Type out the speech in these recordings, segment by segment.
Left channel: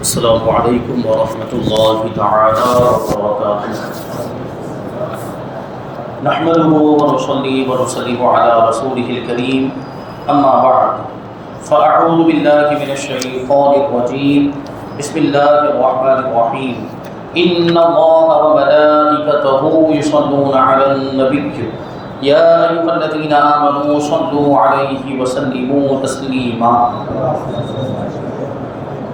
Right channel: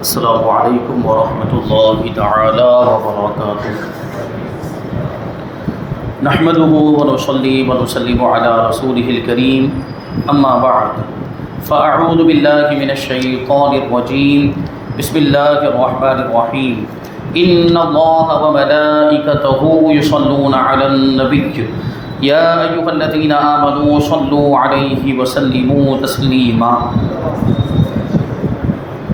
السلام علیکم ورحمۃ اللہ تعالی وبرکاتہ۔ نحمده ونصلي ونسلم على رسوله الكريم اما بعد فاعوذ باللہ من الشیطان الرجیم بسم اللہ الرحمن الرحیم ان اللہ وملائکته یصلون علی النبی یا ایها الذین آمنوا صلوا علیہ وسلموا تسلیما۔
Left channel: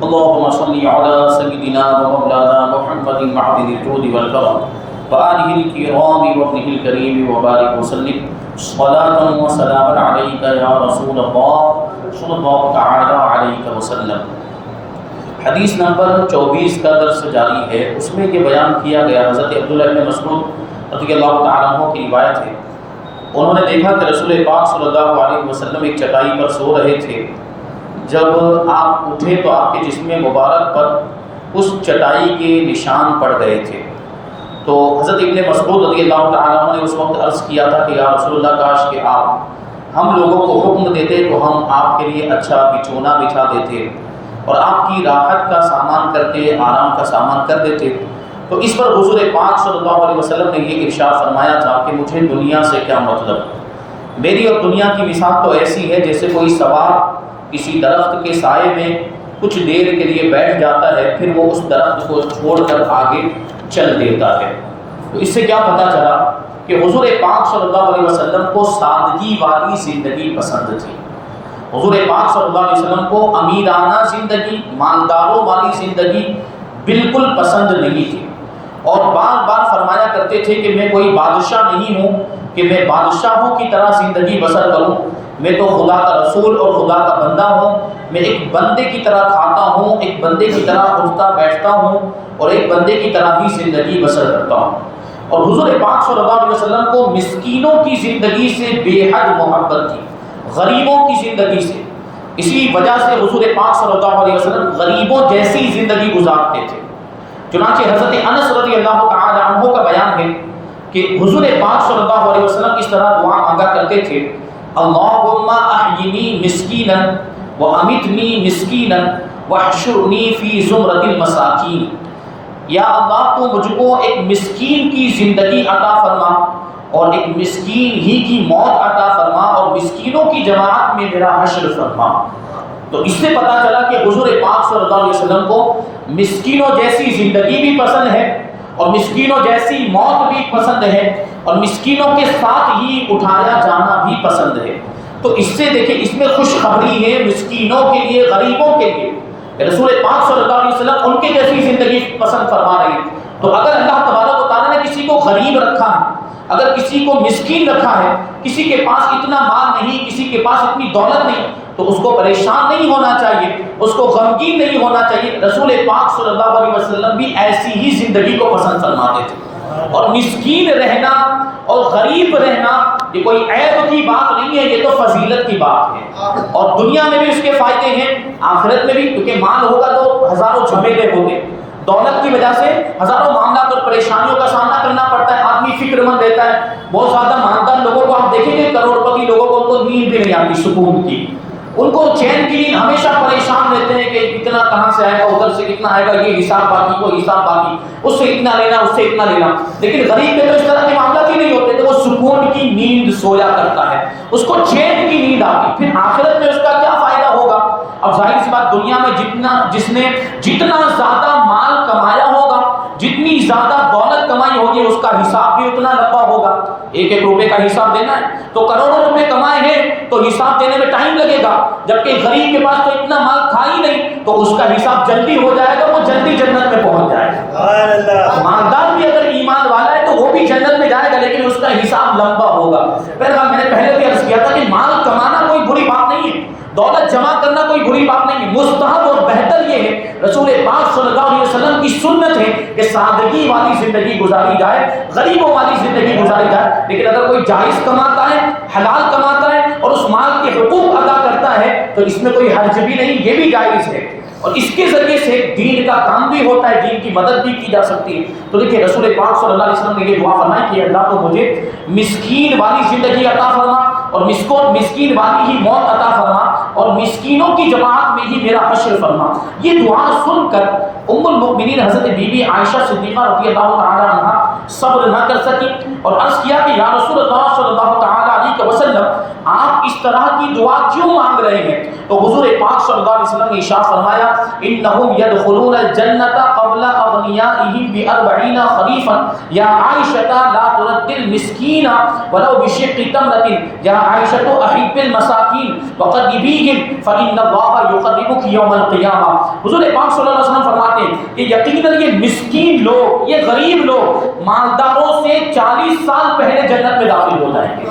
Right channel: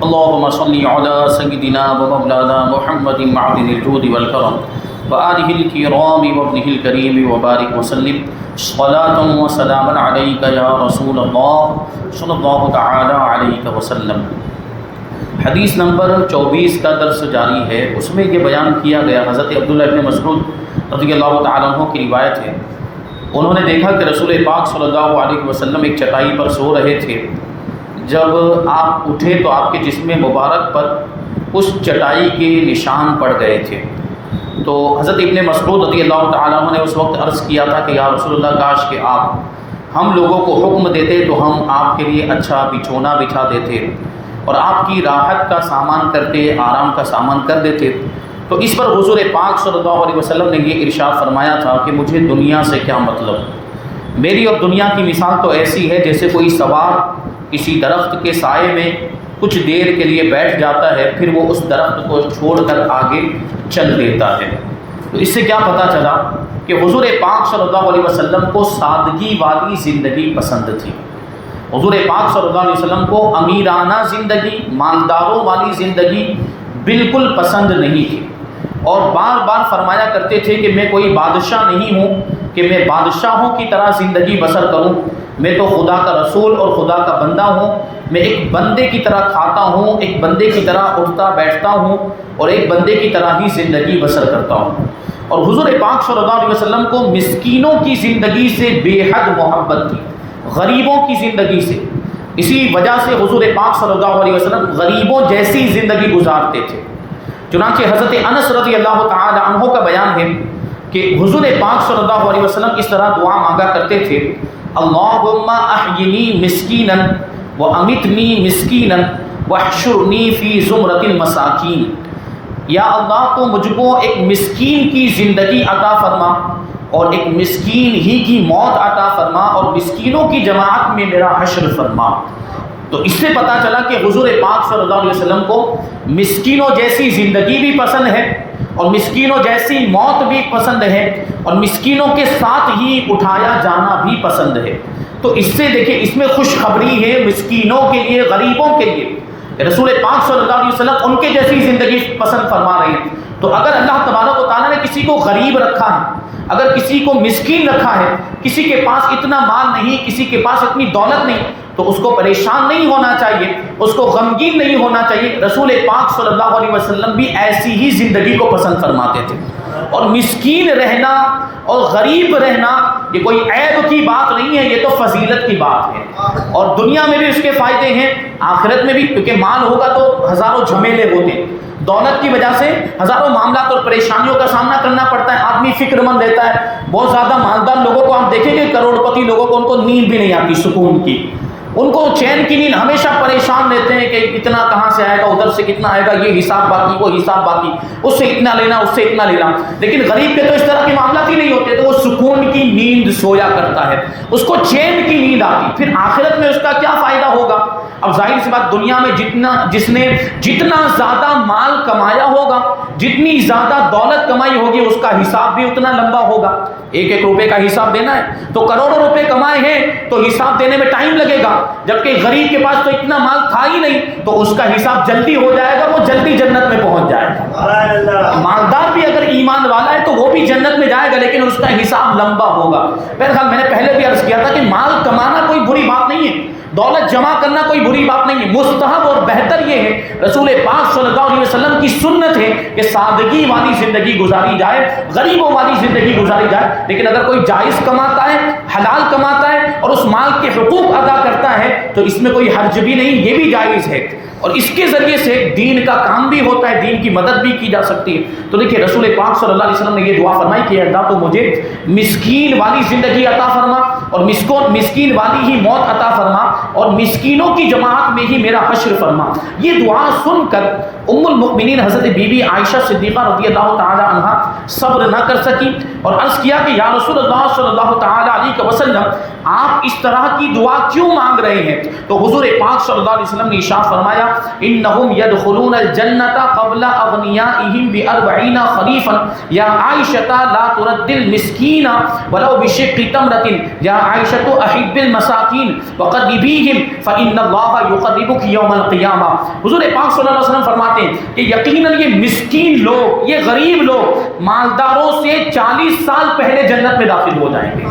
اللهم صل على سيدنا ومولانا محمد معدن الجود والكرم وآله الكرام وابنه الكريم وبارك وسلم صلاة وسلاما عليك يا رسول الله صلى الله تعالى عليك وسلم۔ حدیث نمبر 24 کا درس جاری ہے، اس میں یہ بیان کیا گیا، حضرت عبداللہ ابن مسعود رضی اللہ تعالیٰ عنہ کی روایت ہے، انہوں نے دیکھا کہ رسول پاک صلی اللہ علیہ وسلم ایک چٹائی پر سو رہے تھے۔ جب آپ اٹھے تو آپ کے جسم مبارک پر اس چٹائی کے نشان پڑ گئے تھے۔ تو حضرت ابن مسعود رضی اللہ تعالیٰ عنہ نے اس وقت عرض کیا تھا کہ یا رسول اللہ، کاش کہ آپ ہم لوگوں کو حکم دیتے تو ہم آپ کے لیے اچھا بچھونا بچھا دیتے اور آپ کی راحت کا سامان کرتے، آرام کا سامان کر دیتے۔ تو اس پر حضور پاک صلی اللہ علیہ وسلم نے یہ ارشاد فرمایا تھا کہ مجھے دنیا سے کیا مطلب، میری اور دنیا کی مثال تو ایسی ہے جیسے کوئی سوار کسی درخت کے سائے میں کچھ دیر کے لیے بیٹھ جاتا ہے، پھر وہ اس درخت کو چھوڑ کر آگے چل دیتا ہے۔ تو اس سے کیا پتہ چلا کہ حضور پاک صلی اللہ علیہ وسلم کو سادگی والی زندگی پسند تھی۔ حضور پاک صلی اللہ علیہ وسلم کو امیرانہ زندگی، مالداروں والی زندگی بالکل پسند نہیں تھی، اور بار بار فرمایا کرتے تھے کہ میں کوئی بادشاہ نہیں ہوں کہ میں بادشاہوں کی طرح زندگی بسر کروں، میں تو خدا کا رسول اور خدا کا بندہ ہوں، میں ایک بندے کی طرح کھاتا ہوں، ایک بندے کی طرح اٹھتا بیٹھتا ہوں اور ایک بندے کی طرح ہی زندگی بسر کرتا ہوں۔ اور حضور پاک صلی اللہ علیہ وسلم کو مسکینوں کی زندگی سے بے حد محبت تھی، غریبوں کی زندگی سے۔ اسی وجہ سے حضور پاک صلی اللہ علیہ وسلم غریبوں جیسی زندگی گزارتے تھے۔ چنانچہ حضرت انس رضی اللہ تعالی عنہ کا بیان ہے کہ حضور پاک صلی اللہ علیہ وسلم اس طرح دعا مانگا کرتے تھے، اللہم احینی مسکینا وامیتنی مسکینا واحشرنی فی زمرۃ المساکین۔ یا اللہ تو مجھ کو ایک مسکین کی زندگی عطا فرما اور ایک مسکین ہی کی موت عطا فرما اور مسکینوں کی جماعت میں میرا حشر فرما۔ تو اس سے پتہ چلا کہ حضور پاک صلی اللہ علیہ وسلم کو مسکینوں جیسی زندگی بھی پسند ہے اور مسکینوں جیسی موت بھی پسند ہے اور مسکینوں کے ساتھ ہی اٹھایا جانا بھی پسند ہے۔ تو اس سے دیکھیں، اس میں خوشخبری ہے مسکینوں کے لیے، غریبوں کے لیے۔ رسول پاک صلی اللہ علیہ وسلم ان کے جیسی زندگی پسند فرما رہے ہیں۔ تو اگر اللہ تبارک و تعالیٰ نے کسی کو غریب رکھا ہے، اگر کسی کو مسکین رکھا ہے، کسی کے پاس اتنا مال نہیں، کسی کے پاس اتنی دولت نہیں، تو اس کو پریشان نہیں ہونا چاہیے، اس کو غمگین نہیں ہونا چاہیے۔ رسول پاک صلی اللہ علیہ وسلم بھی ایسی ہی زندگی کو پسند فرماتے تھے۔ اور مسکین رہنا اور غریب رہنا یہ کوئی عیب کی بات نہیں ہے، یہ تو فضیلت کی بات ہے، اور دنیا میں بھی اس کے فائدے ہیں، آخرت میں بھی، کیونکہ مال ہوگا تو ہزاروں جھمیلے ہوتے، دولت کی وجہ سے ہزاروں معاملات اور پریشانیوں کا سامنا کرنا پڑتا ہے، آدمی فکر مند رہتا ہے۔ بہت زیادہ مالدار لوگوں کو آپ دیکھیں گے، کروڑ پتی لوگوں کو ان کو نیند بھی نہیں آتی سکون کی، ان کو چین کی نیند، ہمیشہ پریشان رہتے ہیں کہ اتنا کہاں سے آئے گا، ادھر سے کتنا آئے گا، یہ حساب باقی، وہ حساب باقی، اس سے اتنا لینا، اس سے اتنا لینا۔ لیکن غریب کے تو اس طرح کے معاملات ہی نہیں ہوتے، تو وہ سکون کی نیند سویا کرتا ہے، اس کو چین کی نیند آتی۔ پھر آخرت میں اس کا کیا فائدہ ہوگا؟ اب ظاہر سی بات، دنیا میں جس نے جتنا زیادہ مال کمایا ہوگا، جتنی زیادہ دولت کمائی ہوگی، اس کا حساب بھی اتنا لمبا ہوگا۔ ایک ایک روپے کا حساب دینا ہے تو کروڑوں روپے کمائے ہیں تو حساب دینے میں ٹائم لگے گا، جبکہ غریب کے پاس تو اتنا مال تھا ہی نہیں، تو اس کا حساب جلدی ہو جائے گا، وہ جلدی جنت میں پہنچ جائے گا۔ مالدار بھی اگر ایمان والا ہے تو وہ بھی جنت میں جائے گا، لیکن اس کا حساب لمبا ہوگا۔ بہرحال میں نے پہلے بھی عرض کیا تھا کہ مال کمانا کوئی بری بات نہیں ہے، دولت جمع کرنا کوئی بری بات نہیں ہے، مستحب اور بہتر یہ ہے، رسول پاک صلی اللہ علیہ وسلم کی سنت ہے کہ سادگی والی زندگی گزاری جائے، غریبوں والی زندگی گزاری جائے۔ لیکن اگر کوئی جائز کماتا ہے، حلال کماتا ہے اور اس مال کے حقوق ادا کرتا ہے تو اس میں کوئی حرج بھی نہیں، یہ بھی جائز ہے، اور اس کے ذریعے سے دین کا کام بھی ہوتا ہے، دین کی مدد بھی کی جا سکتی ہے۔ تو دیکھیے رسول پاک صلی اللہ علیہ وسلم نے یہ دعا فرمائی کہ اللہ تو مجھے مسکین والی زندگی عطا فرما اور مسکین والی ہی موت عطا فرما اور مسکینوں کی جماعت میں ہی میرا حشر فرما۔ یہ دعا سن کر ام المؤمنین حضرت بی بی عائشہ صدیقہ رضی اللہ تعالی عنہ صبر نہ کر سکی اور عرض کیا کہ یا رسول اللہ صلی اللہ تعالی علیہ وسلم آپ اس طرح کی دعا کیوں مانگ رہے ہیں؟ تو حضور پاک صلی اللہ علیہ وسلم نے ارشاد فرمایا انہم یدخلون الجنۃ قبل اغنیائہم ب40 خریفا یا عائشہ لا ترد المسکین ولو بشق تمرۃ یا عائشہ احب المساکین وقربیہم فان اللہ یقربک یوم القیامہ۔ حضور پاک صلی اللہ علیہ وسلم فرماتے ہیں کہ یقیناً یہ مسکین لوگ، یہ غریب لوگ مالداروں سے 40 سال پہلے جنت میں داخل ہو جائیں گے۔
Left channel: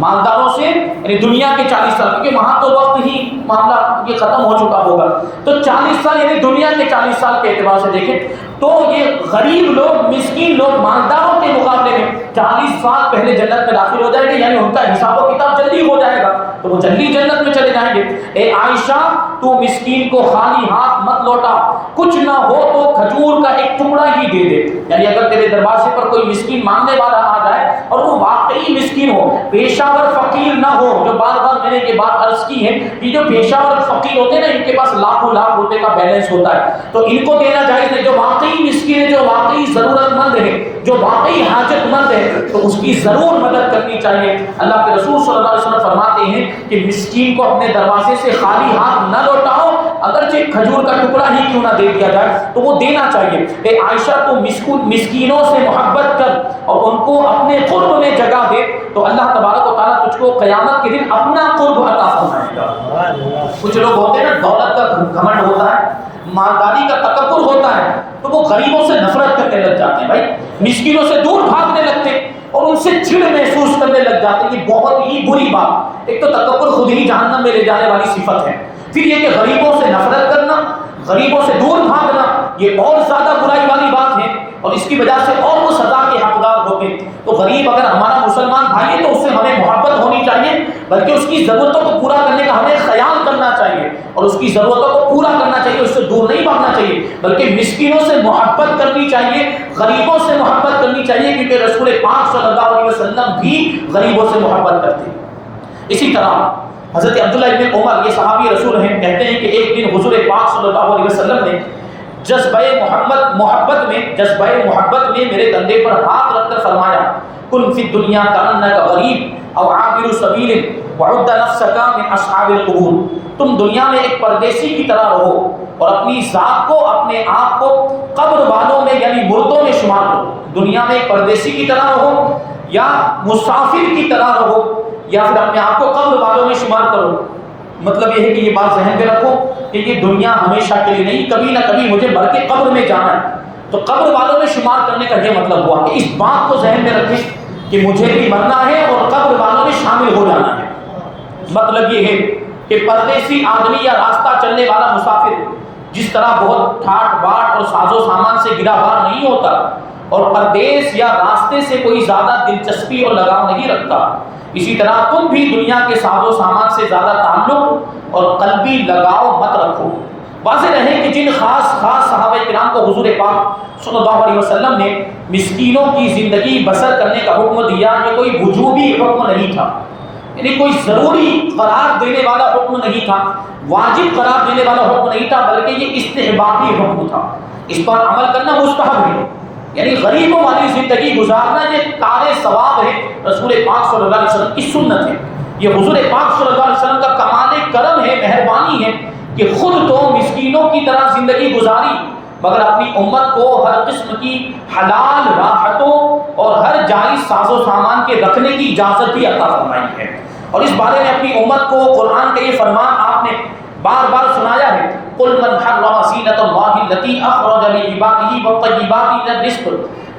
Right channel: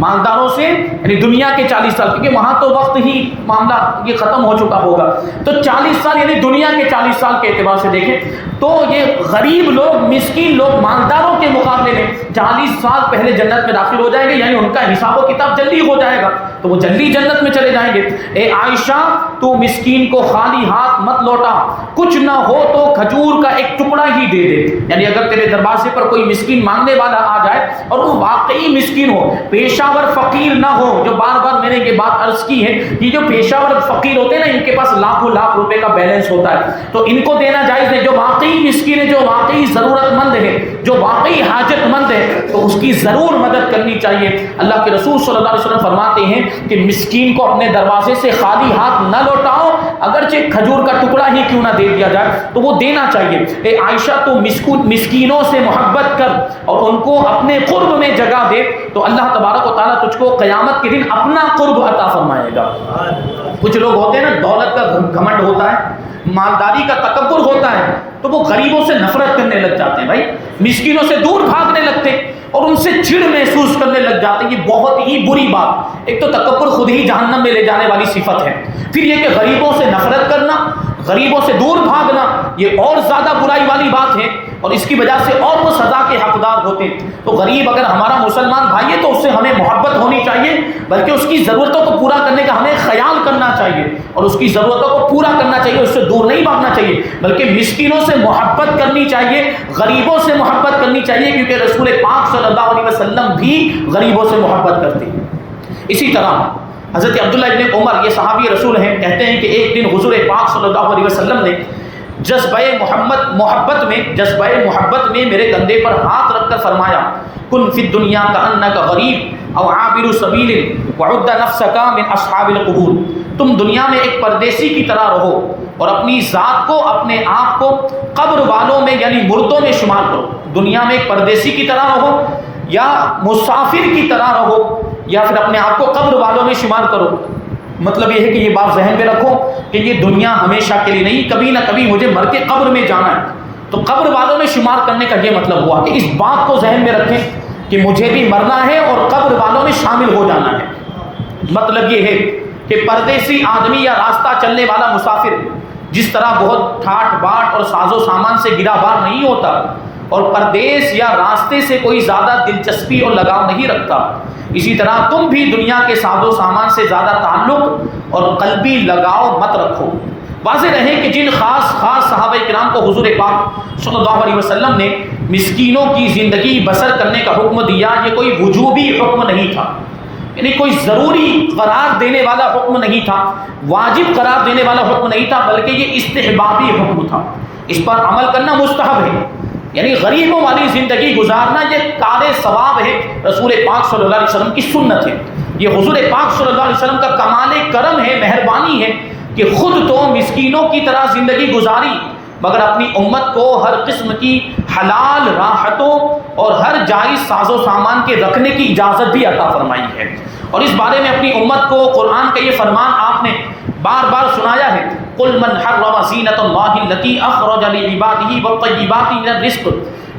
مالداروں سے یعنی دنیا کے 40 سال، کیونکہ وہاں تو وقت ہی معاملہ یہ ختم ہو چکا ہوگا، تو 40 سال یعنی دنیا کے 40 سال کے اعتبار سے دیکھیں تو یہ غریب لوگ، مسکین لوگ مالداروں کے مقابلے میں 40 سال پہلے جنت میں داخل ہو جائیں گے، یعنی ان کا حساب و کتاب جلدی ہو جائے گا تو وہ جلدی جنت میں چلے جائیں گے۔ اے عائشہ تو مسکین کو خالی ہاتھ مت لوٹا، کچھ نہ ہو تو کھجور کا ایک ٹکڑا ہی دے دے، یعنی اگر تیرے دروازے پر کوئی مسکین مانگنے والا آ جائے اور وہ واقعی مسکین ہو، پیشہ ور فقیر نہ ہو، جو بار بار میں نے یہ بات عرض کی ہے، یہ جو پیشہ ور فقیر ہوتے ہیں نا، ان کے پاس لاکھوں لاکھ روپے کا بیلنس ہوتا ہے تو ان کو دینا جائز ہے۔ جو واقعی مسکین ہے، جو واقعی ضرورت مند ہے، جو واقعی حاجت مند ہے، تو اس کی ضرور مدد کرنی چاہیے۔ اللہ کے رسول صلی اللہ علیہ وسلم فرماتے ہیں کہ مسکین کو اپنے دروازے سے خالی ہاتھ نہ لوٹاؤ، اگرچہ کھجور کا ٹکڑا ہی کیوں نہ دے دیا جائے تو وہ دینا چاہیے۔ اے عائشہ تو مسکینوں سے محبت کر اور ان کو اپنے قرب میں جگہ دے تو اللہ تبارک و تعالیٰ تجھ کو قیامت کے دن اپنا قرب عطا فرمائے گا۔ کچھ لوگ ہوتے ہیں نا، دولت کا گھمنڈ ہوتا ہے، مالداری کا تکبر ہوتا ہے، تو وہ غریبوں سے نفرت کرنے لگ جاتے ہیں، بھائی مسکینوں سے دور بھاگنے لگتے اور ان سے چڑ محسوس کرنے لگ جاتے ہیں۔ یہ بہت ہی بری بات، ایک تو تکبر خود ہی جہنم میں لے جانے والی صفت ہے، پھر یہ کہ غریبوں سے نفرت کرنا، غریبوں سے دور بھاگنا، یہ اور زیادہ برائی والی بات ہے اور اس کی وجہ سے اور وہ سزا کے حقدار ہوتے ہیں۔ تو غریب اگر ہمارا مسلمان بھائی ہے تو اس سے ہمیں محبت ہونی چاہیے، بلکہ اس کی ضرورتوں کو پورا کرنے کا ہمیں خیال کرنا چاہیے اور اس کی ضرورتوں کو پورا کرنا چاہیے، اس سے دور نہیں بھاگنا چاہیے، بلکہ مسکینوں سے محبت کرنی چاہیے، غریبوں سے محبت کرنی چاہیے، کیونکہ رسول پاک صلی اللہ علیہ وسلم بھی غریبوں سے محبت کرتے ہیں۔ اسی طرح حضرت عبداللہ ابن عمر، یہ صحابی رسول ہیں، کہتے ہیں کہ ایک دن حضور پاک صلی اللہ علیہ وسلم نے جذبۂ محبت میں میرے کندھے پر ہاتھ رکھ کر فرمایا کن فی الدنیا کأنک غریب او عابر سبیل وعد نفسک من اصحاب القبور، تم دنیا میں ایک پردیسی کی طرح رہو اور اپنی ذات کو، اپنے آپ کو قبر والوں میں یعنی مردوں میں شمار کرو۔ دنیا میں ایک پردیسی کی طرح رہو یا مسافر کی طرح رہو یا پھر اپنے آپ کو قبر والوں میں شمار کرو۔ مطلب یہ ہے کہ یہ بات ذہن میں رکھو کہ یہ دنیا ہمیشہ کے لیے نہیں، کبھی نہ کبھی مجھے مر کے قبر میں جانا ہے، تو قبر والوں میں شمار کرنے کا یہ مطلب ہوا کہ اس بات کو ذہن میں رکھیں کہ مجھے بھی مرنا ہے اور قبر والوں میں شامل ہو جانا ہے۔ مطلب یہ ہے کہ پردیسی آدمی یا راستہ چلنے والا مسافر جس طرح بہت ٹھاٹ باٹ اور ساز و سامان سے گرا بار نہیں ہوتا اور پردیس یا راستے سے کوئی زیادہ دلچسپی اور لگاؤ نہیں رکھتا، اسی طرح تم بھی دنیا کے ساز و سامان سے زیادہ تعلق اور قلبی لگاؤ مت رکھو۔ واضح رہے کہ جن خاص صحابہ کرام کو حضور پاک صلی اللہ علیہ وسلم نے مسکینوں کی زندگی بسر کرنے کا حکم دیا، یہ کوئی وجوبی حکم نہیں تھا، یعنی کوئی ضروری قرار دینے والا حکم نہیں تھا، واجب قرار دینے والا حکم نہیں تھا، بلکہ یہ استحبابی حکم تھا، اس پر عمل کرنا مستحب ہے، یعنی غریبوں والی زندگی گزارنا یہ کار ثواب ہے، رسول پاک صلی اللہ علیہ وسلم کی سنت ہے، یہ حضور پاک صلی اللہ علیہ وسلم کا کمال کرم ہے، مہربانی ہے کہ خود تو مسکینوں کی طرح زندگی گزاری مگر اپنی امت کو ہر قسم کی حلال راحتوں اور ہر جائز ساز و سامان کے رکھنے کی اجازت بھی عطا فرمائی ہے۔ اور اس بارے میں اپنی امت کو قرآن کا یہ فرمان آپ نے بار بار سنایا ہے، قل من حرم زینۃ اللہ التی اخرج لعبادہ والطیبات من الرزق،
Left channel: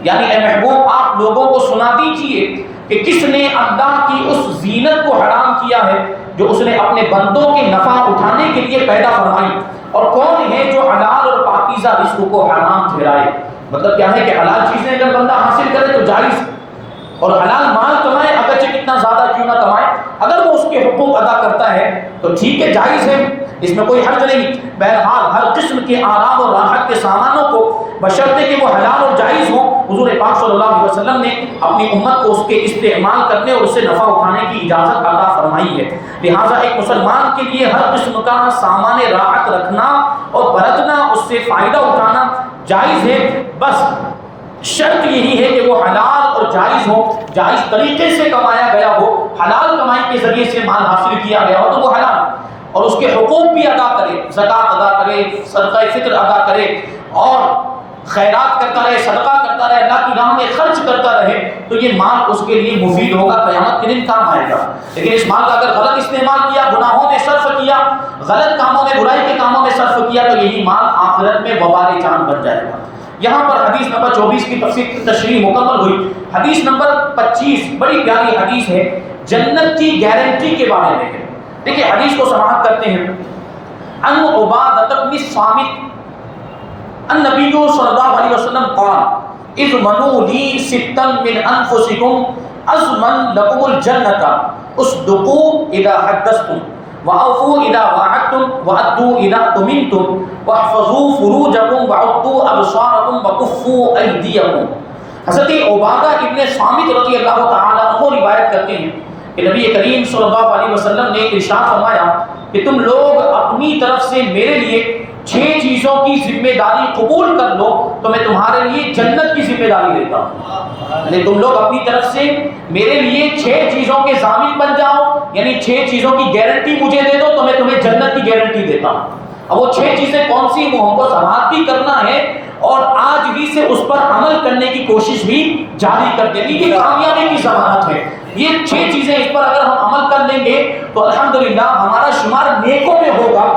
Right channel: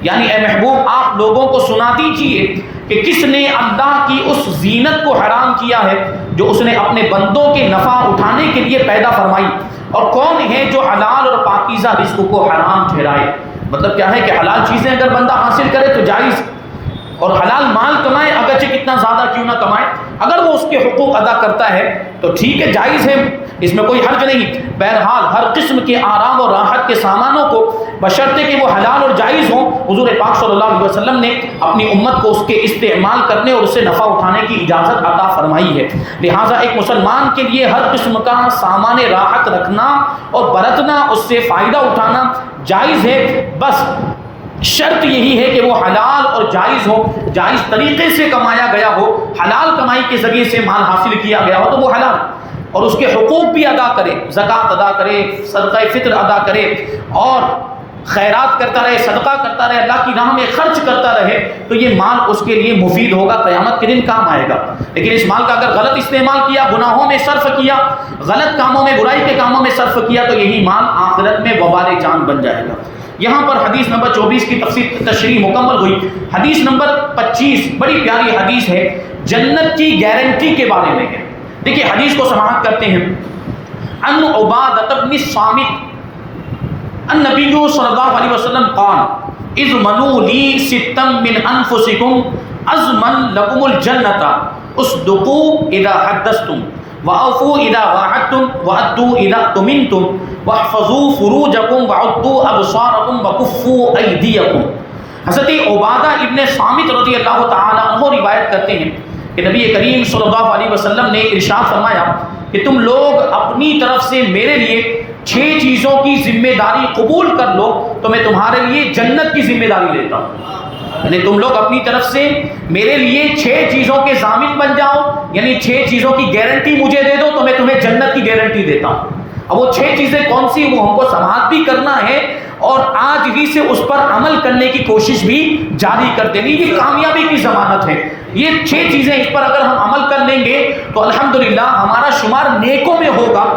یعنی اے محبوب آپ لوگوں کو سنا دیجئے کہ کس نے اللہ کی اس زینت کو حرام کیا ہے جو اس نے اپنے بندوں کے نفع اٹھانے کے لیے پیدا فرمائی، اور کون ہے جو حلال اور پاکیزہ رزق کو حرام ٹھہرائے۔ مطلب کیا ہے کہ حلال چیزیں اگر بندہ حاصل کرے تو جائز، اور حلال مال کمائے اگرچہ کتنا زیادہ کیوں نہ کمائے، اگر وہ اس کے حقوق ادا کرتا ہے تو ٹھیک ہے، جائز ہے، اس میں کوئی حرج نہیں۔ بہرحال ہر قسم کے آرام اور راحت کے سامانوں کو بشرطے کہ وہ حلال اور جائز ہوں۔ حضور پاک صلی اللہ علیہ وسلم نے اپنی امت کو اس کے استعمال کرنے اور اس سے نفع اٹھانے کی اجازت عطا فرمائی ہے۔ لہٰذا ایک مسلمان کے لیے ہر قسم کا سامان راحت رکھنا اور برتنا، اس سے فائدہ اٹھانا جائز ہے، بس شرط یہی ہے کہ وہ حلال اور جائز ہو، جائز طریقے سے کمایا گیا ہو، حلال کمائی کے ذریعے سے مال حاصل کیا گیا ہو تو وہ حلال، اور اس کے حقوق بھی ادا کرے، زکوٰۃ ادا کرے، صدقہ فطر ادا کرے اور خیرات کرتا رہے، صدقہ کرتا رہے، اللہ کی راہ میں خرچ کرتا رہے، تو یہ مال اس کے لیے مفید ہوگا، قیامت کے دن کام آئے گا۔ لیکن اس مال کا اگر غلط استعمال کیا، گناہوں میں صرف کیا، غلط کاموں میں، برائی کے کاموں میں صرف کیا، تو یہی مال آخرت میں وبال جان بن جائے گا۔ یہاں پر حدیث نمبر 24 کی تشریح مکمل ہوئی۔ حدیث نمبر 25 بڑی پیاری حدیث ہے، جنت کی گارنٹی کے بارے میں ہے۔ دیکھیں حدیث کو سماعت کرتے ہیں۔ ان عبادۃ بن الصامت النبی صلی اللہ علیہ وسلم قال اضمنوا لی ستا من انفسکم اضمن لکم الجنۃ اصدقوا اذا حدثتم واوفوا اذا وعدتم وادوا اذا اؤتمنتم واحفظوا فروجکم وعدوا ابصارکم وکفوا ایدیکم۔ حضرت عبادہ ابن صامت رضی اللہ تعالیٰ عنہ روایت کرتے ہیں کہ نبی کریم صلی اللہ علیہ وسلم نے ارشاد فرمایا کہ تم لوگ اپنی طرف سے میرے لیے 6 چیزوں کی ذمہ داری قبول کر لو تو میں تمہارے لیے جنت کی ذمہ داری لیتا ہوں۔ یعنی تم لوگ اپنی طرف سے میرے لیے 6 چیزوں کے ضامن بن جاؤ، یعنی 6 چیزوں کی گارنٹی مجھے دے دو تو میں تمہیں جنت کی گارنٹی دیتا ہوں۔ اب وہ 6 چیزیں کون سی، وہ ہم کو سماعت بھی کرنا ہے اور آج ہی سے اس پر عمل کرنے کی کوشش بھی جاری کر دینی، یہ کامیابی کی ضمانت ہے۔ یہ 6 چیزیں اس پر اگر ہم عمل کر لیں گے تو الحمدللہ ہمارا شمار نیکوں میں ہوگا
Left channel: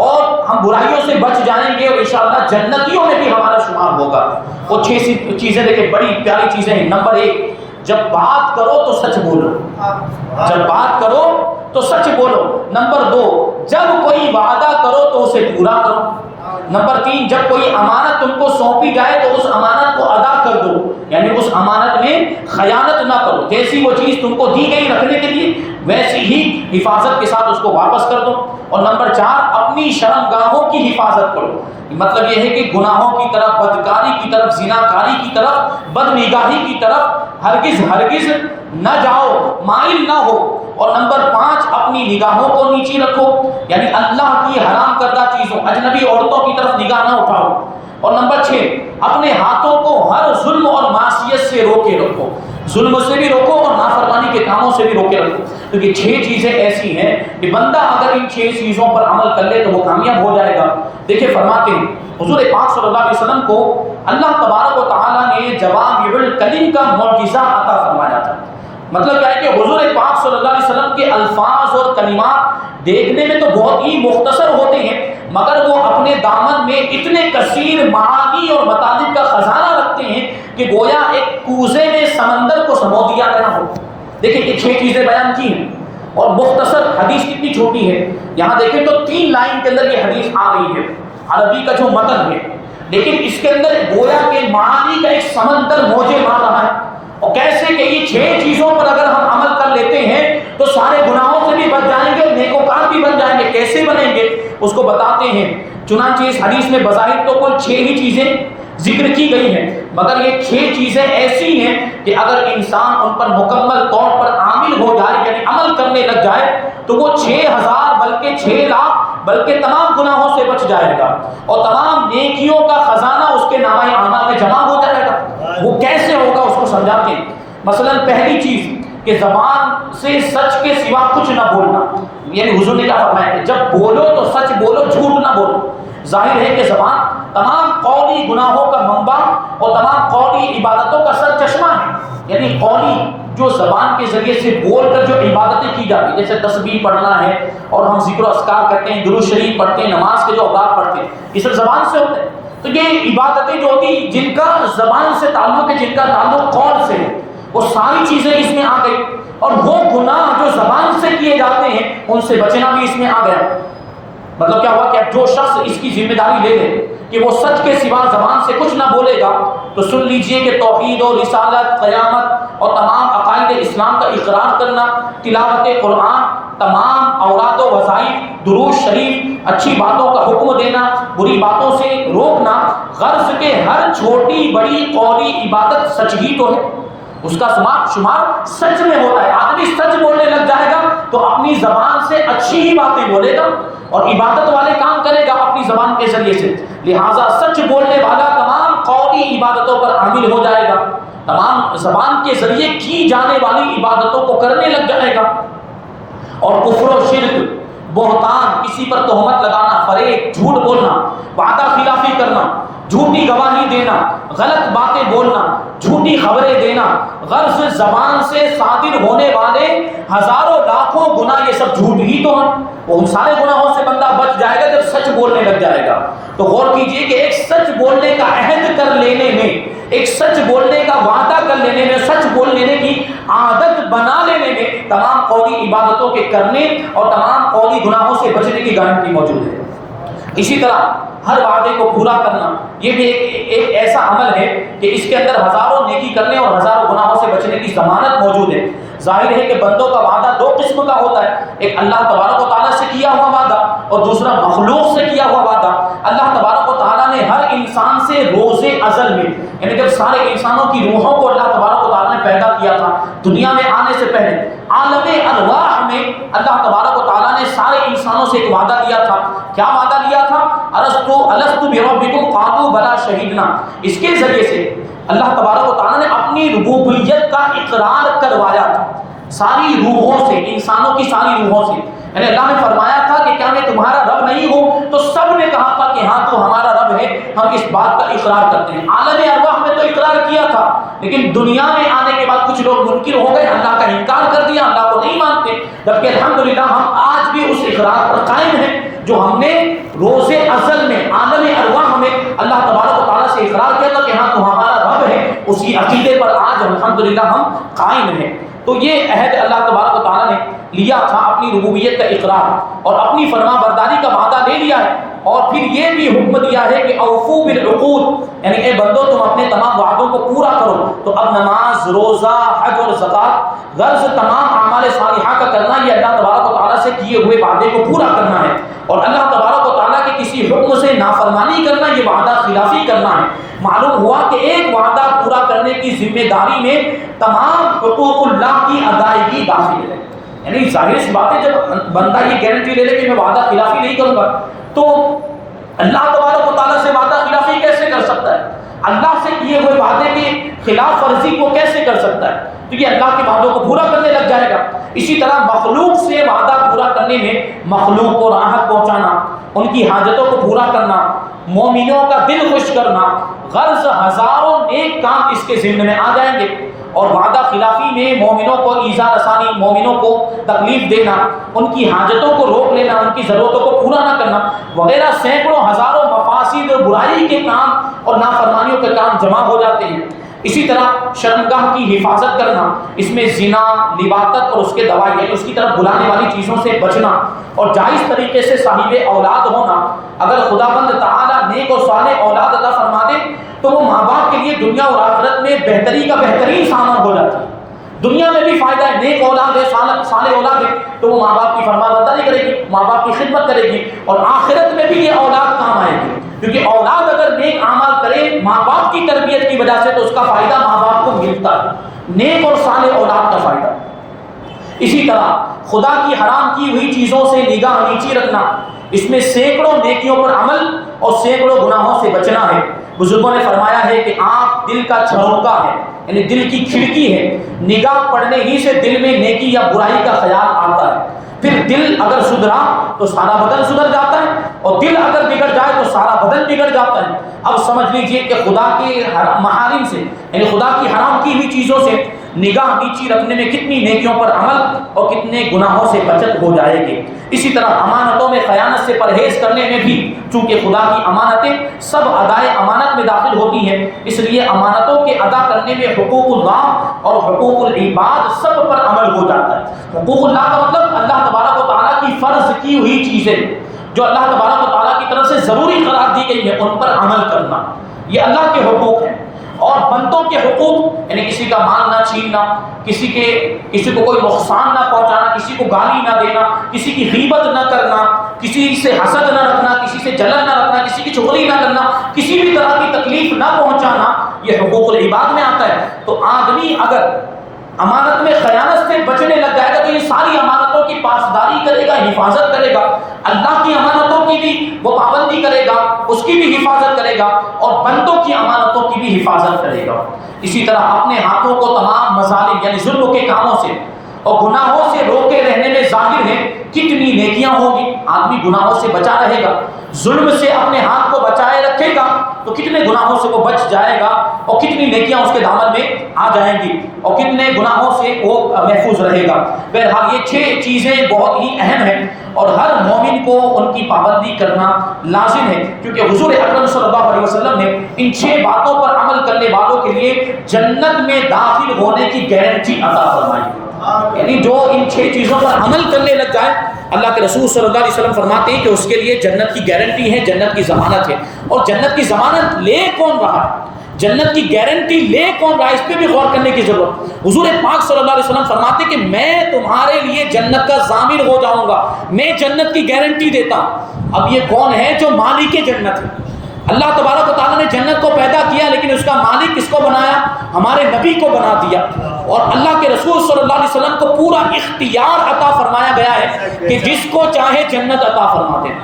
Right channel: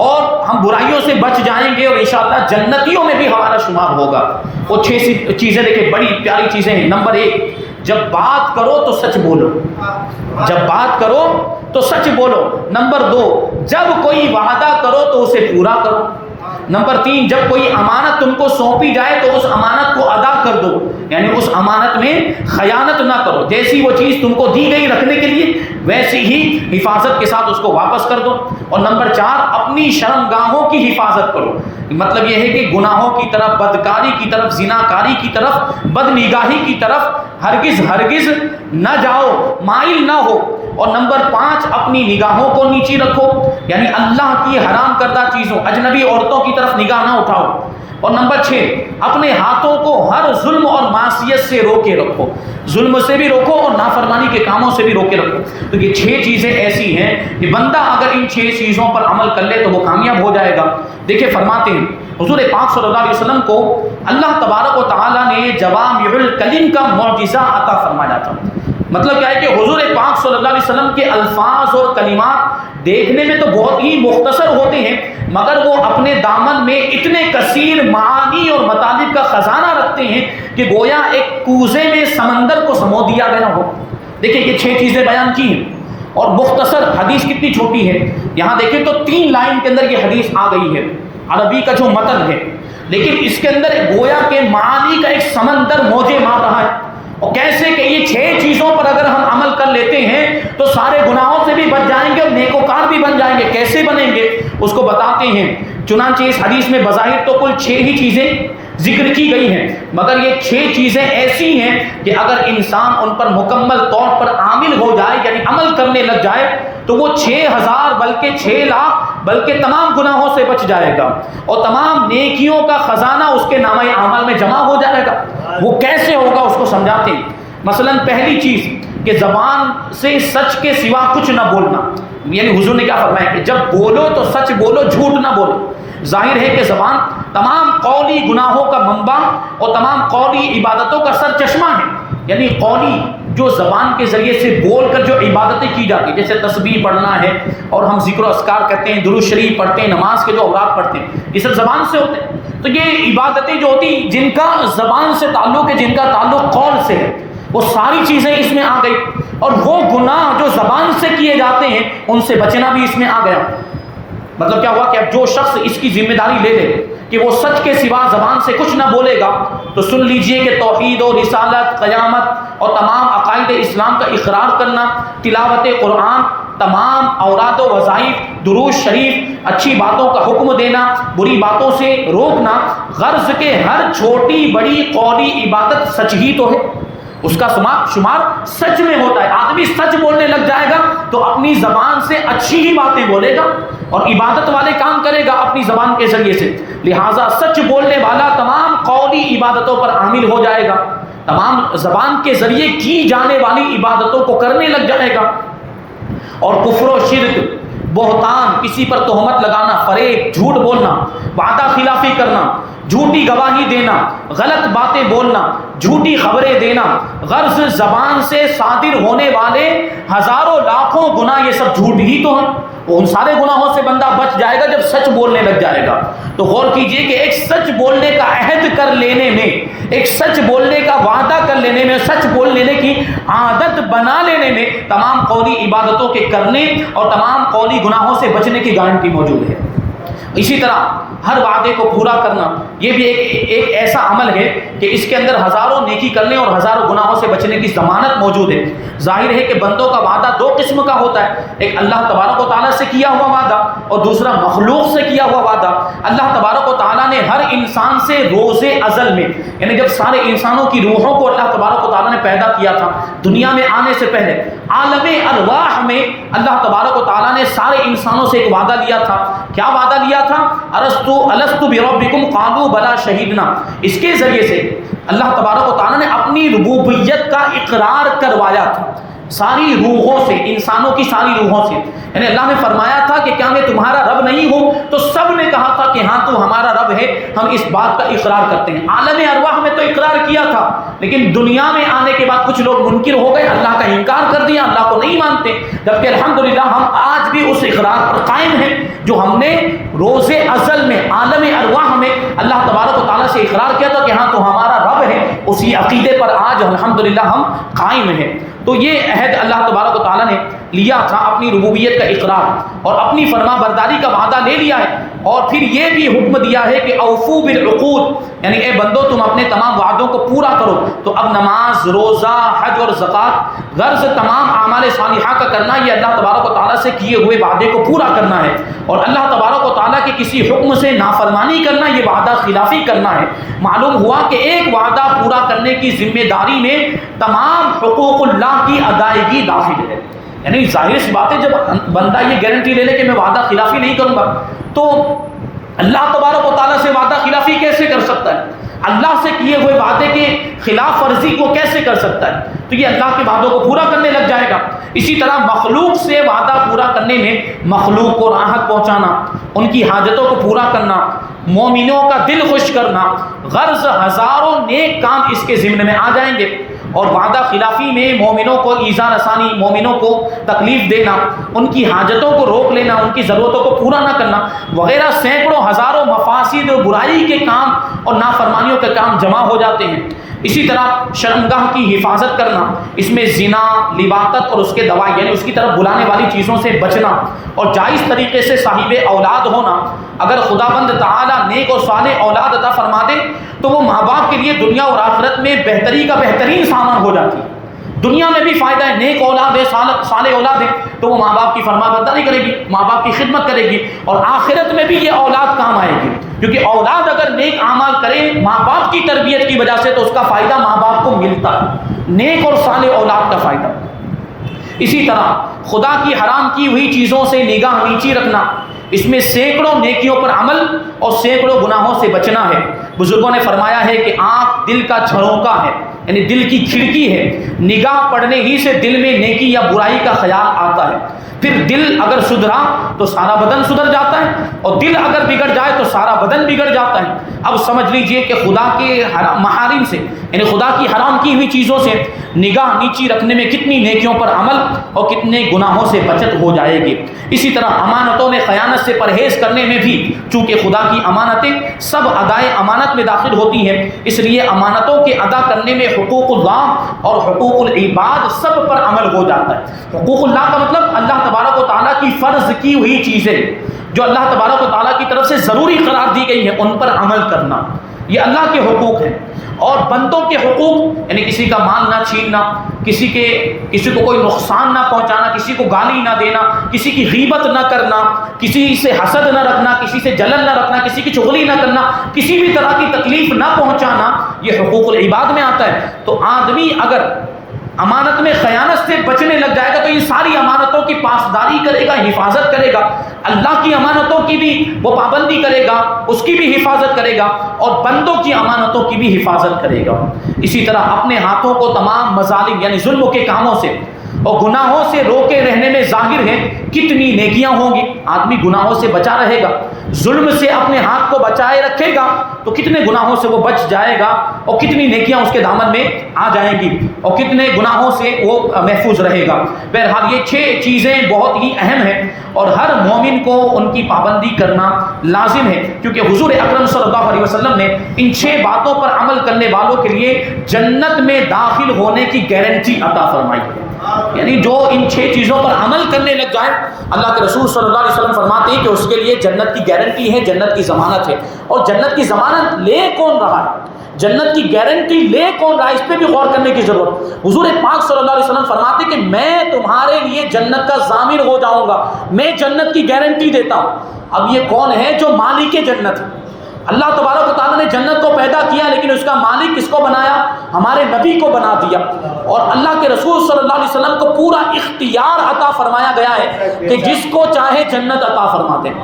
اور ہم برائیوں سے بچ جائیں گے اور انشاءاللہ جنتیوں میں بھی ہمارا شمار ہوگا۔ وہ 6 چیزیں دیکھیں بڑی پیاری چیزیں ہیں۔ نمبر 1، جب بات کرو تو سچ بولو، جب بات کرو تو سچ بولو۔ نمبر 2، جب کوئی وعدہ کرو تو اسے پورا کرو۔ نمبر 3، جب کوئی امانت تم کو سونپی جائے تو اس امانت کو ادا کر دو، یعنی اس امانت میں خیانت نہ کرو، جیسی وہ چیز تم کو دی گئی رکھنے کے لیے ویسی ہی حفاظت کے ساتھ اس کو واپس کر دو۔ اور نمبر 4، اپنی شرمگاہوں کی حفاظت کرو، مطلب یہ ہے کہ گناہوں کی طرف، بدکاری کی طرف، زناکاری کی طرف، بدنگاہی کی طرف ہرگز نہ جاؤ، مائل نہ ہو۔ اور نمبر 5، اپنی نگاہوں کو نیچی رکھو، یعنی اللہ کی حرام کردہ چیزوں، اجنبی عورتوں کی طرف نگاہ نہ اٹھاؤ۔ اور نمبر 6، اپنے ہاتھوں کو ہر ظلم اور معصیت سے روکے رکھو، ظلم سے بھی روکو اور نافرمانی کے کاموں سے بھی روکے رکھو۔ تو یہ 6 چیزیں ایسی ہیں کہ بندہ اگر ان 6 چیزوں پر عمل کر لے تو وہ کامیاب ہو جائے گا۔ دیکھیں فرماتے ہیں حضور پاک صلی اللہ علیہ وسلم کو اللہ تبارک و تعالیٰ نے جوامع الکلم کا معجزہ عطا فرمایا تھا۔ مطلب کیا ہے کہ حضور پاک صلی اللہ علیہ وسلم کے الفاظ اور کلمات دیکھنے میں تو بہت ہی مختصر ہوتے ہیں، مگر وہ اپنے دامن میں اتنے کثیر معانی اور مطالب کا خزانہ رکھتے ہیں کہ گویا ایک کوزے میں سمندر کو سمو دیا گیا ہو۔ دیکھیں کہ 6 چیزیں بیان کی ہیں اور مختصر حدیث کتنی چھوٹی ہے۔ یہاں دیکھیں تو 3 لائن کے اندر یہ حدیث آ گئی ہے، عربی کا جو متن ہے، لیکن اس کے اندر گویا کہ معانی کا ایک سمندر موجے مار رہا ہے۔ اور کیسے کہ یہ 6 چیزوں پر اگر ہم عمل کر لیتے ہیں تو سارے گناہوں سے بھی بچ جائیں گے اور نیکوکار بھی بن جائیں گے۔ کیسے بنیں گے اس کو بتاتے ہیں۔ چنانچہ اس حدیث میں بظاہر تو کل 6 ہی چیزیں ذکر کی گئی ہیں، مگر یہ 6 چیزیں ایسی ہیں کہ اگر انسان ان پر مکمل طور پر عامل ہو جائے، یعنی عمل کرنے لگ جائے، تو وہ 6000 بلکہ 6 لاکھ بلکہ تمام گناہوں سے بچ جائے گا اور تمام نیکیوں کا خزانہ اس کے نامہ اعمال میں جمع ہو جائے گا۔ وہ کیسے ہوگا اس کو سمجھاتے ہیں۔ مثلا پہلی چیز کہ زبان سے سچ کے سوا کچھ نہ بولنا، یعنی حضور نے کیا فرمایا کہ جب بولو تو سچ بولو، جھوٹ نہ بولو۔ ظاہر ہے کہ زبان تمام قولی گناہوں کا منبع اور تمام قولی عبادتوں کا سر چشمہ ہے، یعنی قولی جو زبان کے ذریعے سے بول کر جو عبادتیں کی جاتی، جیسے تسبیح پڑھنا ہے اور ہم ذکر و اذکار کرتے ہیں، درود شریف پڑھتے ہیں، نماز کے جو اوقات پڑھتے ہیں، یہ سب زبان سے ہوتے ہیں۔ تو یہ عبادتیں جو ہوتی جن کا زبان سے تعلق ہے، جن کا تعلق قول سے ہے، وہ ساری چیزیں اس میں آ گئی۔ اور وہ گناہ جو زبان سے کیے جاتے ہیں ان سے بچنا بھی اس میں آ گیا۔ مطلب کیا ہوا کہ اب جو شخص اس کی ذمہ داری لے لے کہ وہ سچ کے سوا زبان سے کچھ نہ بولے گا، تو سن لیجئے کہ توحید و رسالت، قیامت اور تمام عقائد اسلام کا اقرار کرنا، تلاوت قرآن، تمام اوراد و وظائف، درود شریف، اچھی باتوں کا حکم دینا، بری باتوں سے روکنا، غرض کے ہر چھوٹی بڑی قولی عبادت سچ ہی تو ہے، اس کا شمار سچ میں ہوتا ہے۔ آدمی سچ بولنے لگ جائے گا تو اپنی زبان سے اچھی ہی باتیں بولے گا اور عبادت والے کام کرے گا اپنی زبان کے ذریعے سے۔ لہٰذا سچ بولنے والا تمام قولی عبادتوں پر عامل ہو جائے گا، تمام زبان کے ذریعے کی جانے والی عبادتوں کو کرنے لگ جائے گا۔ اور کفر و شرک، بہتان، کسی پر تہمت لگانا، فریب، جھوٹ بولنا، وعدہ خلافی کرنا، جھوٹی گواہی دینا، غلط باتیں بولنا، جھوٹی خبریں دینا، غرض زبان سے صادر ہونے والے ہزاروں لاکھوں گناہ یہ سب جھوٹ ہی تو ہیں۔ ان سارے گناہوں سے بندہ بچ جائے گا جب سچ بولنے لگ جائے گا۔ تو غور کیجئے کہ ایک سچ بولنے کا عہد کر لینے میں، ایک سچ بولنے کا وعدہ کر لینے میں، سچ بول لینے کی عادت بنا لینے میں تمام قولی عبادتوں کے کرنے اور تمام قولی گناہوں سے بچنے کی گارنٹی موجود ہے۔ اسی طرح ہر وعدے کو پورا کرنا، یہ بھی ایک ایسا عمل ہے کہ اس کے اندر ہزاروں نیکی کرنے اور ہزاروں گناہوں سے بچنے کی ضمانت موجود ہے۔ ظاہر ہے کہ بندوں کا وعدہ دو قسم کا ہوتا ہے، ایک اللہ تبارک و تعالیٰ سے کیا ہوا وعدہ اور دوسرا مخلوق سے کیا ہوا وعدہ۔ اللہ تبارک و تعالیٰ نے ہر انسان سے روز ازل میں، یعنی جب سارے انسانوں کی روحوں کو اللہ تبارک و تعالیٰ نے پیدا کیا تھا، دنیا میں آنے سے پہلے عالم ارواح میں اللہ تبارک و تعالیٰ نے سارے انسانوں سے ایک وعدہ لیا تھا۔ کیا وعدہ لیا تھا؟ الست بربکم قالوا بلا شہیدنا۔ اس کے ذریعے سے اللہ تبارک و تعالیٰ نے اپنی ربوبیت کا اقرار کروایا تھا ساری روحوں سے، انسانوں کی ساری روحوں سے۔ یعنی اللہ نے فرمایا تھا کہ کیا میں تمہارا رب نہیں ہوں؟ تو سب نے کہا تھا کہ ہاں تو ہمارا رب ہے، ہم اس بات کا اقرار کرتے ہیں۔ عالم ارواح میں تو اقرار کیا تھا، لیکن دنیا میں آنے کے بعد کچھ لوگ منکر ہو گئے، اللہ کا انکار کر دیا، اللہ کو نہیں مانتے۔ جبکہ الحمدللہ ہم آج بھی اس اقرار پر قائم ہیں جو ہم نے روز ازل میں عالم ارواح میں اللہ تبارک و تعالیٰ سے اقرار کیا تھا کہ ہاں تو ہمارا رب ہے، اسی عقیدے پر آج الحمدللہ ہم قائم ہیں۔ تو یہ عہد اللہ تبارک و تعالیٰ نے لیا تھا، اپنی ربوبیت کا اقرار اور اپنی فرما برداری کا وعدہ لے لیا ہے، اور پھر یہ بھی حکم دیا ہے کہ اوفو بالعقود، یعنی اے بندو تم اپنے تمام وعدوں کو پورا کرو۔ تو اب نماز، روزہ، حج اور زکوٰۃ، غرض تمام اعمال صالحہ کا کرنا، یہ اللہ تبارک و تعالیٰ سے کیے ہوئے وعدے کو پورا کرنا ہے، اور اللہ تبارک و تعالیٰ کے کسی حکم سے نافرمانی کرنا یہ وعدہ خلافی کرنا ہے۔ معلوم ہوا کہ ایک وعدہ پورا کرنے کی ذمہ داری میں تمام حقوق اللہ کی ادائیگی داخل ہے۔ یعنی ظاہر سی بات ہے جب بندہ یہ گارنٹی لے لے کہ میں وعدہ خلافی نہیں کروں گا، تو اللہ تبارک و تعالیٰ سے وعدہ خلافی کیسے کر سکتا ہے؟ اللہ سے کیے ہوئے وعدے کے خلاف ورزی کو کیسے کر سکتا ہے؟ تو یہ اللہ کے وعدوں کو پورا کرنے لگ جائے گا۔ اسی طرح مخلوق سے وعدہ پورا کرنے میں مخلوق کو راحت پہنچانا، ان کی حاجتوں کو پورا کرنا، مومنوں کا دل خوش کرنا، غرض ہزاروں نیک کام اس کے ضمن میں آ جائیں گے۔ اور وعدہ خلافی میں مومنوں کو ایذا رسانی، مومنوں کو تکلیف دینا، ان کی حاجتوں کو روک لینا، ان کی ضرورتوں کو پورا نہ کرنا وغیرہ سینکڑوں ہزاروں مفاسد اور برائی کے کام اور نافرمانیوں کے کام جمع ہو جاتے ہیں۔ اسی طرح شرمگاہ کی حفاظت کرنا، اس میں زنا، لواطت اور اس کے دوائی، یعنی اس کی طرف بلانے والی چیزوں سے بچنا اور جائز طریقے سے صاحب اولاد ہونا۔ اگر خداوند تعالیٰ نیک اور صالح اولاد عطا فرما دے تو وہ ماں باپ کے لیے دنیا اور آخرت میں بہتری کا بہترین سامان ہو جاتی ہے۔ دنیا میں بھی فائدہ ہے، نیک اولاد ہے، صالح اولاد ہے تو وہ ماں باپ کی فرما برداری کرے گی، ماں باپ کی خدمت کرے گی، اور آخرت میں بھی یہ اولاد کام آئے گی، کیونکہ اولاد اگر نیک اعمال کرے ماں باپ کی تربیت کی وجہ سے تو اس کا فائدہ ماں باپ کو ملتا ہے، نیک اور صالح اولاد کا فائدہ۔ اسی طرح خدا کی حرام کی ہوئی چیزوں سے نگاہ نیچی رکھنا، اس میں سینکڑوں نیکیوں پر عمل اور سینکڑوں گناہوں سے بچنا ہے۔ بزرگوں نے فرمایا ہے کہ آنکھ دل کا جھروکا ہے، یعنی دل کی کھڑکی ہے، نگاہ پڑنے ہی سے دل میں نیکی یا برائی کا خیال آتا ہے، پھر دل اگر سدھرا تو سارا بدن سدھر جاتا ہے، اور دل اگر بگڑ جائے تو سارا بدن بگڑ جاتا ہے۔ اب سمجھ لیجئے کہ خدا کے محارم سے، یعنی خدا کی حرام کی ہوئی چیزوں سے نگاہ نیچی رکھنے میں کتنی نیکیوں پر عمل اور کتنے گناہوں سے بچت ہو جائے گی۔ اسی طرح امانتوں میں خیانت سے پرہیز کرنے میں بھی، چونکہ خدا کی امانتیں سب ادائے امانت میں داخل ہوتی ہیں، اس لیے امانتوں کے ادا کرنے میں حقوق اللہ اور حقوق العباد سب پر عمل ہو جاتا ہے۔ حقوق اللہ کا مطلب اللہ تبارک و تعالیٰ کی فرض کی ہوئی چیزیں جو اللہ تبارک و تعالیٰ کی طرف سے ضروری قرار دی گئی ہے ان پر عمل کرنا، یہ اللہ کے حقوق ہیں۔ اور بندوں کے حقوق یعنی کسی کا مال نہ چھیننا، کسی کو کوئی نقصان نہ پہنچانا، کسی کو گالی نہ دینا، کسی کی غیبت نہ کرنا، کسی سے حسد نہ رکھنا، کسی سے جلن نہ رکھنا، کسی کی چغلی نہ کرنا، کسی بھی طرح نہ پہنچانا یہ حقوق العباد میں آتا ہے. تو آدمی اگر امانت میں خیانت سے بچنے لگ جائے گا تو یہ ساری امانتوں کی پاسداری کرے گا, حفاظت کرے گا. اللہ کی امانتوں کی بھی وہ پابندی کرے گا, اس کی بھی حفاظت کرے گا, اور بندوں کی امانتوں کی بھی حفاظت کرے گا. اسی طرح اپنے ہاتھوں کو تمام مظالم یعنی ظلم کے کاموں سے اور گناہوں سے روکے رہنے میں ظاہر ہے کتنی نیکیاں ہوں گی. آدمی گناہوں سے بچا رہے گا, ظلم سے اپنے ہاتھ کو بچائے رکھے گا تو کتنے گناہوں سے وہ بچ جائے گا اور کتنی نیکیاں اس کے دامن میں آ جائیں گی اور کتنے گناہوں سے وہ محفوظ رہے گا. بہرحال یہ 6 چیزیں بہت ہی اہم ہیں اور ہر مومن کو ان کی پابندی کرنا لازم ہے, کیونکہ حضور اکرم صلی اللہ علیہ وسلم نے ان 6 باتوں پر عمل کرنے والوں کے لیے جنت میں داخل ہونے کی گارنٹی عطا فرمائی ہے. یعنی جو ان 6 چیزوں پر عمل کرنے لگ جائے, اللہ کے رسول صلی اللہ علیہ وسلم فرماتے ہیں کہ اس کے لیے جنت کی گارنٹی ہے, جنت کی ضمانت ہے. اور جنت کی ضمانت لے کون رہا ہے, جنت کی گارنٹی لے کون رہا ہے, اس پہ بھی غور کرنے کی ضرورت. حضور پاک صلی اللہ علیہ وسلم فرماتے ہیں کہ میں تمہارے لیے جنت کا ضامن ہو جاؤں گا, میں جنت کی گارنٹی دیتا ہوں. اب یہ کون ہے جو مالک جنت ہے؟ اللہ تبارک و تعالیٰ نے جنت کو پیدا کیا, لیکن اس کا مالک کس کو بنایا؟ ہمارے نبی کو بنا دیا. اور اللہ کے رسول صلی اللہ علیہ وسلم کو پورا اختیار عطا فرمایا گیا ہے کہ جس کو چاہے جنت عطا فرما دیں.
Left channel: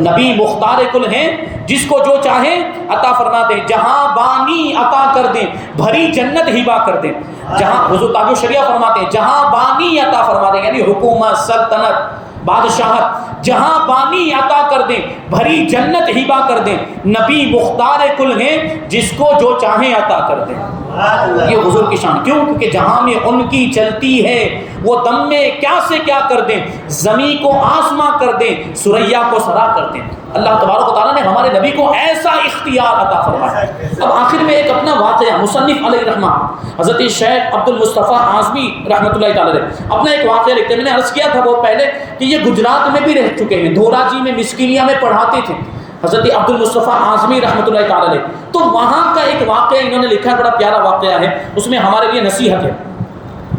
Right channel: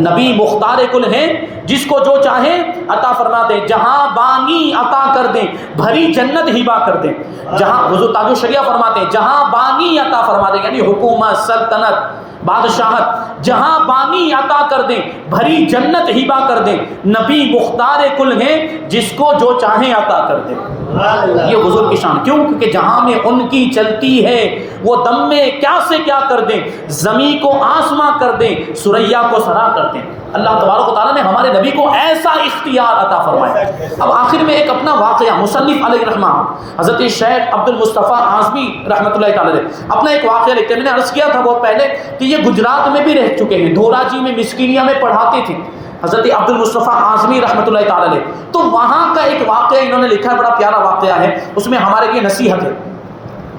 نبی مختار کل ہیں, جس کو جو چاہے عطا فرما دیں, جہاں بانی عطا کر دیں, بھری جنت ہبا کر دیں. جہاں حضور تاج الشریعہ فرماتے ہیں جہاں بانی عطا فرما دیں, یعنی حکومت, سلطنت, بادشاہت, جہاں بانی عطا کر دیں, بھری جنت ہبا کر دیں. نبی مختار کل ہیں, جس کو جو چاہیں عطا کر دیں. یہ حضور کی شان. کیوں؟ کیونکہ جہاں میں ان کی چلتی ہے وہ دم میں کیا سے کیا کر دیں, زمین کو آسماں کر دیں, سریا کو سرا کر دیں. اللہ تبارک و تعالیٰ نے ہمارے نبی کو ایسا اختیار عطا فرمایا. اب آخر میں ایک اپنا واقعہ مصنف علیہ الرحمہ حضرت شیخ عبد المصطفیٰ اعظمی رحمۃ اللہ تعالیٰ اپنا ایک واقعہ لکھتے ہیں. میں نے عرض کیا تھا بہت پہلے کہ یہ گجرات میں بھی رہ چکے ہیں, دھوراجی میں مسکینیا میں پڑھاتے تھے حضرت عبد المصطفیٰ اعظمی رحمۃ اللہ تعالیٰ علیہ. تو وہاں کا ایک واقعہ انہوں نے لکھا ہے, بڑا پیارا واقعہ ہے, اس میں ہمارے لیے نصیحت ہے.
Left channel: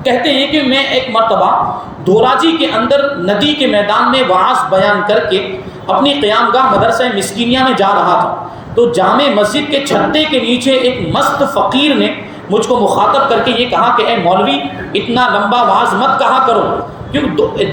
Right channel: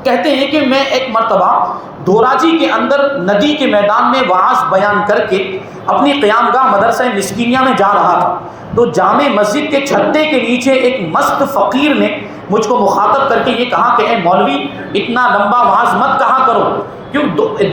کہتے ہیں کہ میں ایک مرتبہ دھوراجی کے اندر ندی کے میدان میں وعظ بیان کر کے اپنی قیام گاہ مدرسہ مسکینیا میں جا رہا تھا. تو جامع مسجد کے چھتے کے نیچے ایک مست فقیر نے مجھ کو مخاطب کر کے یہ کہا کہ اے مولوی, اتنا لمبا وعظ مت کہا کرو, کیوں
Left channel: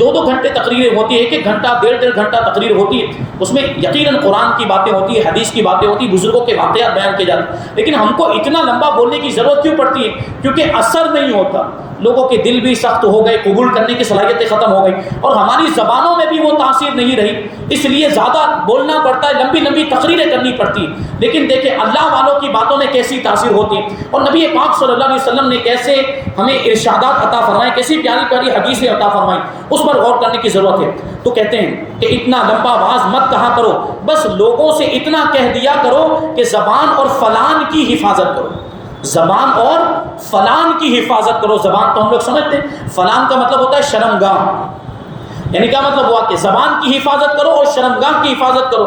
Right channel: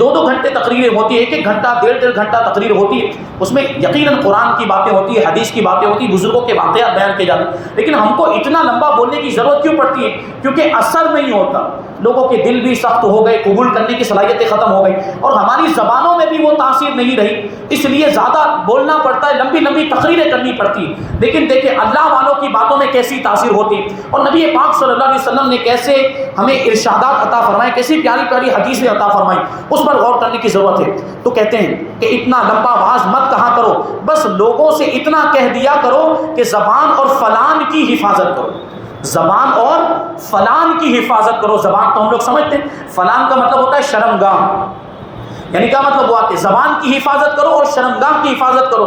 2 گھنٹے تقریریں ہوتی ہے, 1 گھنٹہ 1.5 گھنٹہ تقریر ہوتی ہے, اس میں یقیناً قرآن کی باتیں ہوتی ہے, حدیث کی باتیں ہوتی ہیں, بزرگوں کے واقعات بیان کیے جاتے ہیں, لیکن ہم کو اتنا لمبا بولنے کی ضرورت کیوں پڑتی ہے؟ کیونکہ اثر نہیں ہوتا, لوگوں کے دل بھی سخت ہو گئے, قبول کرنے کی صلاحیتیں ختم ہو گئی, اور ہماری زبانوں میں بھی وہ تاثیر نہیں رہی, اس لیے زیادہ بولنا پڑتا ہے, لمبی لمبی تقریریں کرنی پڑتی ہیں. لیکن دیکھیں اللہ والوں کی باتوں میں کیسی تاثیر ہوتی ہے, اور نبی پاک صلی اللہ علیہ وسلم نے کیسے ہمیں ارشادات عطا فرمائے, کیسی پیاری پیاری حدیثیں عطا فرمائی, اس پر غور کرنے کی ضرورت ہے. تو کہتے ہیں کہ اتنا لمبا وعظ مت کہا کرو, بس لوگوں سے اتنا کہہ دیا کرو کہ زبان اور فلان کی حفاظت کرو, زبان اور فلان کی حفاظت کرو. زبان تو ہم لوگ سمجھتے ہیں, فلان کا مطلب ہوتا ہے شرمگاہ, یعنی کیا مطلب ہوا کہ زبان کی حفاظت کرو اور شرمگاہ کی حفاظت کرو.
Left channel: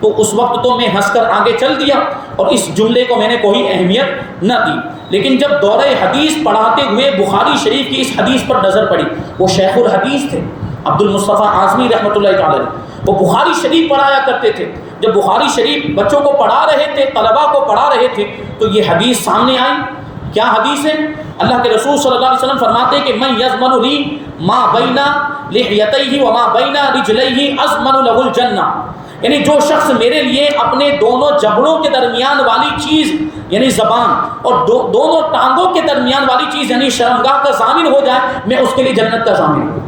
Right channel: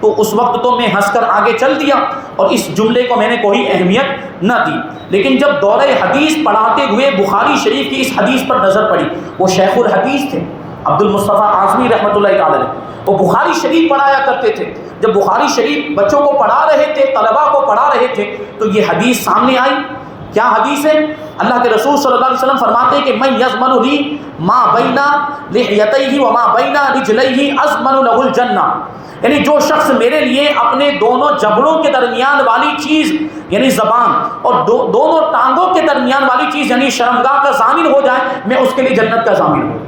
تو اس وقت تو میں ہنس کر آگے چل دیا اور اس جملے کو میں نے کوئی اہمیت نہ دی, لیکن جب دورہ حدیث پڑھاتے ہوئے بخاری شریف کی اس حدیث پر نظر پڑی, وہ شیخ الحدیث تھے عبد المصطفیٰ اعظمی رحمۃ اللہ تعالی, وہ بخاری شریف پڑھایا کرتے تھے. جب بخاری شریف بچوں کو پڑھا رہے تھے, طلباء کو پڑھا رہے تھے, تو یہ حدیث سامنے آئی. کیا حدیث ہے؟ اللہ کے رسول صلی اللہ علیہ وسلم فرماتے ہیں کہ من یضمن لی ما بین لحیتیہ وما بین رجلیہ اضمن لہ الجنہ, یعنی جو شخص میرے لیے اپنے دونوں جبڑوں کے درمیان والی چیز یعنی زبان اور دونوں ٹانگوں کے درمیان والی چیز یعنی شرمگاہ کا ضامن ہو جائے, میں اس کے لیے جنت کا ضامن ہوں.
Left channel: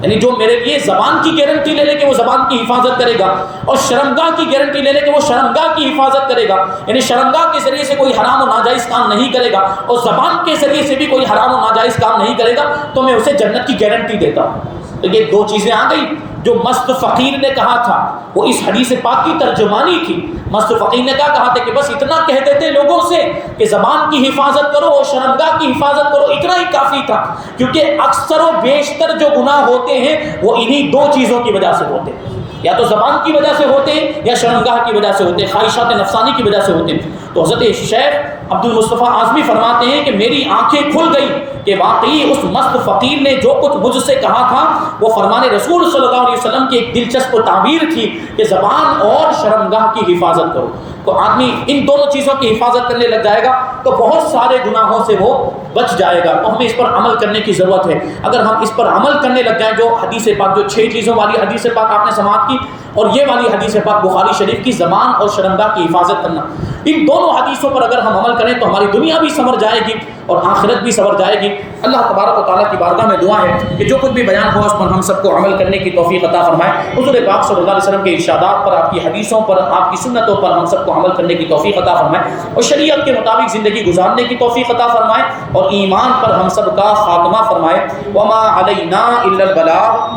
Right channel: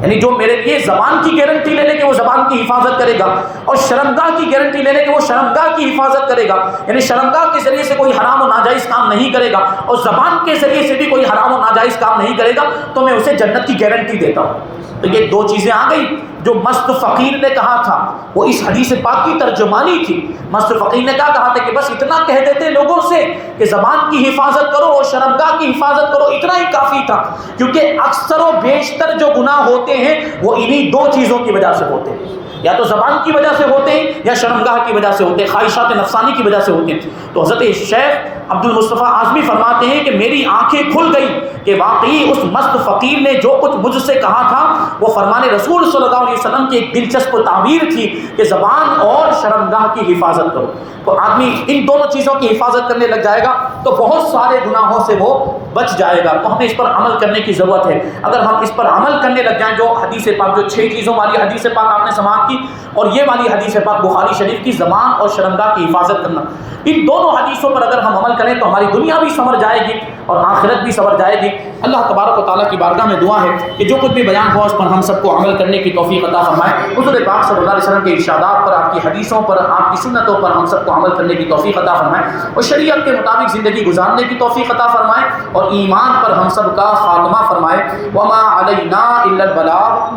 یعنی جو میرے لیے زبان کی گارنٹی لے لے کہ وہ زبان کی حفاظت کرے گا, اور شرمگاہ کی گارنٹی لے لے کہ وہ شرمگاہ کی حفاظت کرے گا, یعنی شرمگاہ کے ذریعے سے کوئی حرام و ناجائز کام نہیں کرے گا, اور زبان کے ذریعے سے بھی کوئی حرام و ناجائز کام نہیں کرے گا, تو میں اسے جنت کی گارنٹی دیتا ہوں. تو یہ 2 چیزیں آ گئی جو مست فقیر نے کہا تھا, وہ اس حدیث پاک کی ترجمانی تھی. مست فقیر نے کیا کہا تھا کہ بس اتنا کہہ دیتے لوگوں سے کہ زبان کی حفاظت کرو اور شرمگاہ کی حفاظت کرو, اتنا ہی کافی تھا. کیونکہ اکثر و بیشتر جو گناہ ہوتے ہیں وہ انہی 2 چیزوں کی وجہ سے ہوتے ہیں, یا تو زبان کی وجہ سے ہوتے ہیں یا شرمگاہ کی وجہ سے ہوتے ہیں, خواہشات نفسانی کی وجہ سے ہوتے ہیں. تو حضرت شیخ عبد المصطفیٰ اعظمی فرماتے ہیں کہ میری آنکھیں کھل گئی کہ واقعی اس مست فقیر نے جو کچھ مجھ سے کہا تھا وہ فرمان رسول صلی اللہ علیہ وسلم کی ایک دلچسپ تعبیر تھی کہ زبان اور شرمگاہ کی حفاظت کرو. تو آدمی ان دونوں چیزوں کی حفاظت کرنے لگ جائے گا تو بہت سارے گناہوں سے وہ بچ جائے گا. تو ہمیں اس پر عمل کرنے کی ضرورت ہے. اگر ہم اس پر عمل کرنے لگ جائیں، جو حدیث پاک، جو 6 چیزوں والی حدیث پاک آپ نے سماعت کی، اور یہ والی حدیث پاک بخاری شریف کی، زبان اور شرمگاہ کی حفاظت کرنا، ان دونوں حدیثوں پر اگر ہم عمل کریں تو ہماری دنیا بھی سنور جائے گی اور آخرت بھی سنور جائے گی. اللہ تبارک و تعالیٰ کی بارگاہ میں دعا ہے کہ جو کچھ بھی بیان ہوا اس پر ہم سب کو عمل کرنے کی توفیق عطا فرمائے. حضور پاک صلی اللہ علیہ وسلم کے ارشادات پر، آپ کی حدیثوں پر، آپ کی سنتوں پر ہم سب کو عمل کرنے کی توفیق عطا فرمائے اور شریعت کے مطابق زندگی گزارنے کی توفیق عطا فرمائے اور ایمان پر ہم سب کا خاتمہ فرمائے. وما علینا الا البلاغ.